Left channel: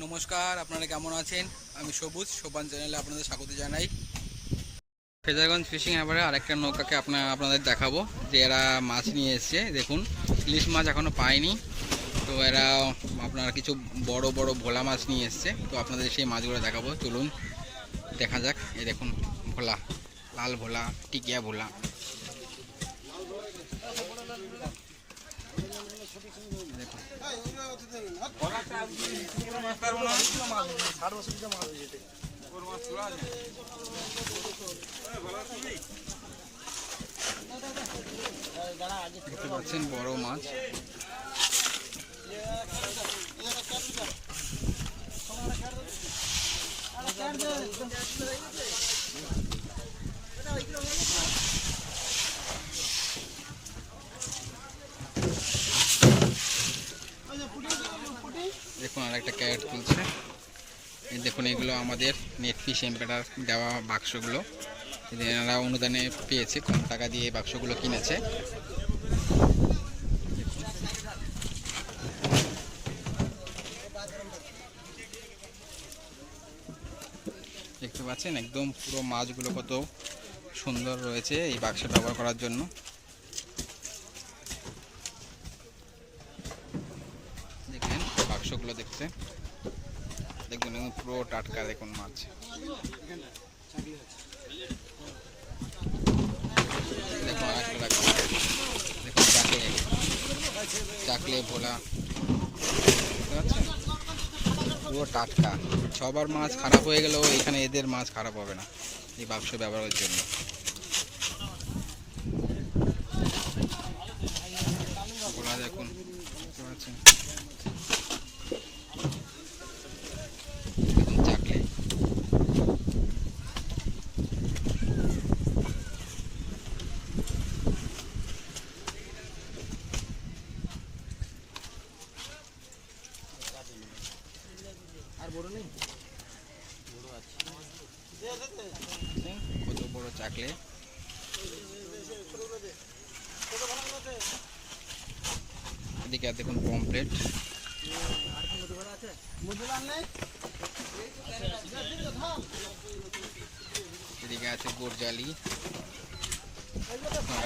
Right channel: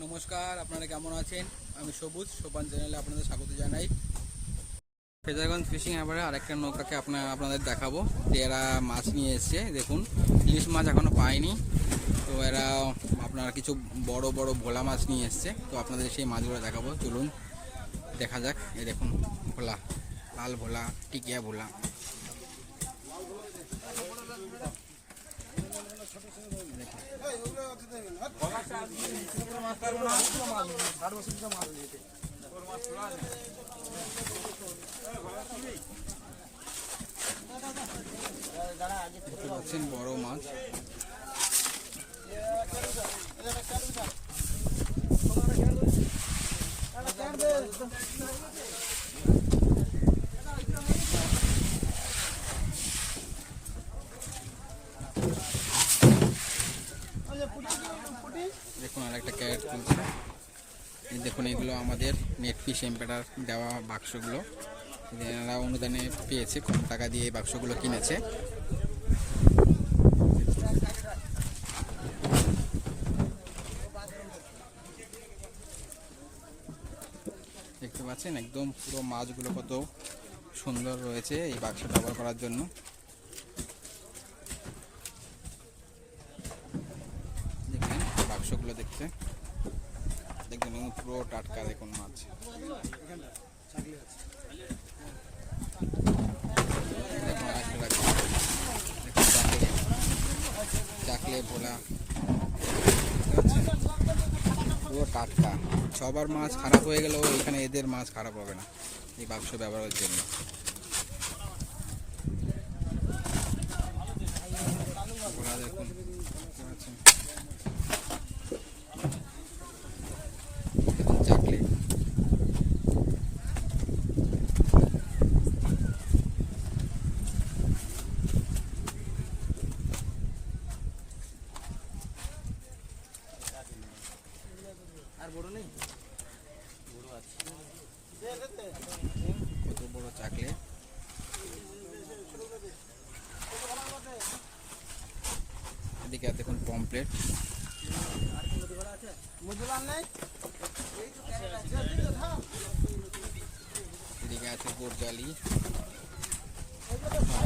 নমস্কার, আপনারা কেমন আছেন? আমি সবুজ সোপান চ্যানেলে আপনাদের স্বাগত জানাই। ফেজারগঞ্জ ফিশিং হারবারে আরেকটা নৌকাকে আপনাদের দেখাবো যে এরা মাছ নিয়ে এসছে। দেখুন, ইলিশ মাছ এখনও পায়নি, তো এরা আপনারা কিছু বড় বড় ভোলা মাছ নিয়ে এসছে। তো আপনাদের সেই মাছগুলো দেখাবো, চলুন দেখা যাক। এই দেখুন, ভোলা, লাল ভোলা, টিকিয়া ভোলা। দেখতে পাচ্ছেন বড় মাছ। দেখুন আর একটা ক্যারেট তুলছে। দেখুন, এগুলো আমাদের নেট ফিশ এম্পেরার দেওয়া বাক্সগুলো। এনারা অনুদানে পেয়েছে, কম টাকা দিয়ে এই বাক্সগুলো কিনেছে। দেখতে পাচ্ছেন একদম পুরো মাছগুলো কত সুন্দর রয়েছে এই বাক্সে ব্যবহার করার জন্য। দেখেন বাক্সগুলো দেখতে, দেখুন পুরো টাটকা। দেখুন মাছ, দেখুন আরেকটা দেখুন, চাকলে ভোলা, পুরো টাটকা। সবার মাছ খারাপ হয়ে গেলেও এখানে এদের মাছ খারাপ হবে না এই বাক্স ব্যবহারের জন্য। ভোলা দেখুন, দেখতে পাচ্ছেন, দেখুন চাকলে। আর বড় নেই, বড় আছে, কত বড় চাকলে। এদিকে দেখুন পমপ্লেট, এদিকে আছে গোরজালি।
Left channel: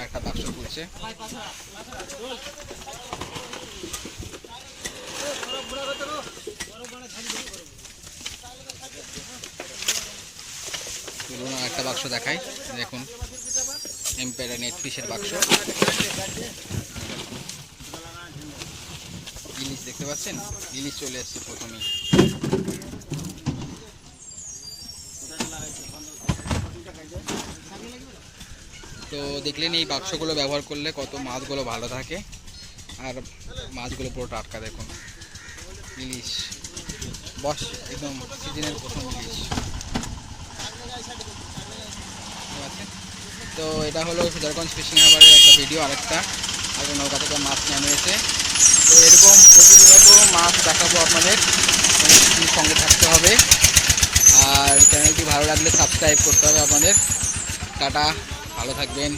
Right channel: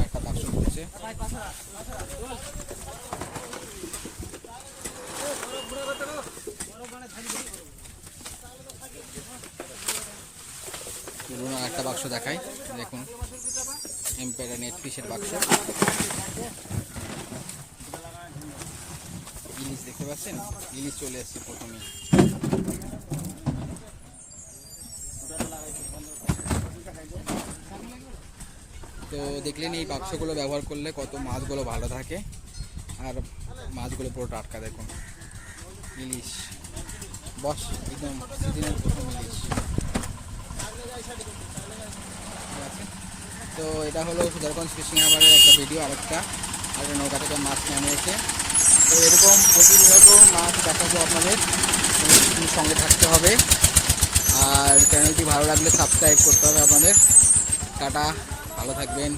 একটা বাক্স করছে। চলুন আর একটা বাক্স দেখাই। দেখুন এম্পেরা নেট ফিশের বাক্স। ইলিশ দেখতে পাচ্ছেন, ইলিশ চলে এসছে প্রথমেই। তো দেখলেন এই বাক্সগুলো ব্যবহার করলে কত মাছগুলো ভালো থাকে, আর মাছগুলো পুরো টাটকা। দেখুন ইলিশ, বস একদম সিজনের প্রথম ইলিশ। তো এটা হলো ফেজারগঞ্জ ফিশিং হারবারের একটা ভিডিও। আরেকটা নৌকা থেকে মাছ নামিয়েছে। তো এরকম প্রতিনিয়ত মাছ দেখাবো আপনাদের, সঙ্গে থাকতে হবে। আর চ্যানেলটি ভালো লাগলে সাবস্ক্রাইব করতে হবে আপনাদের। টাটা, ভালো থাকবেন।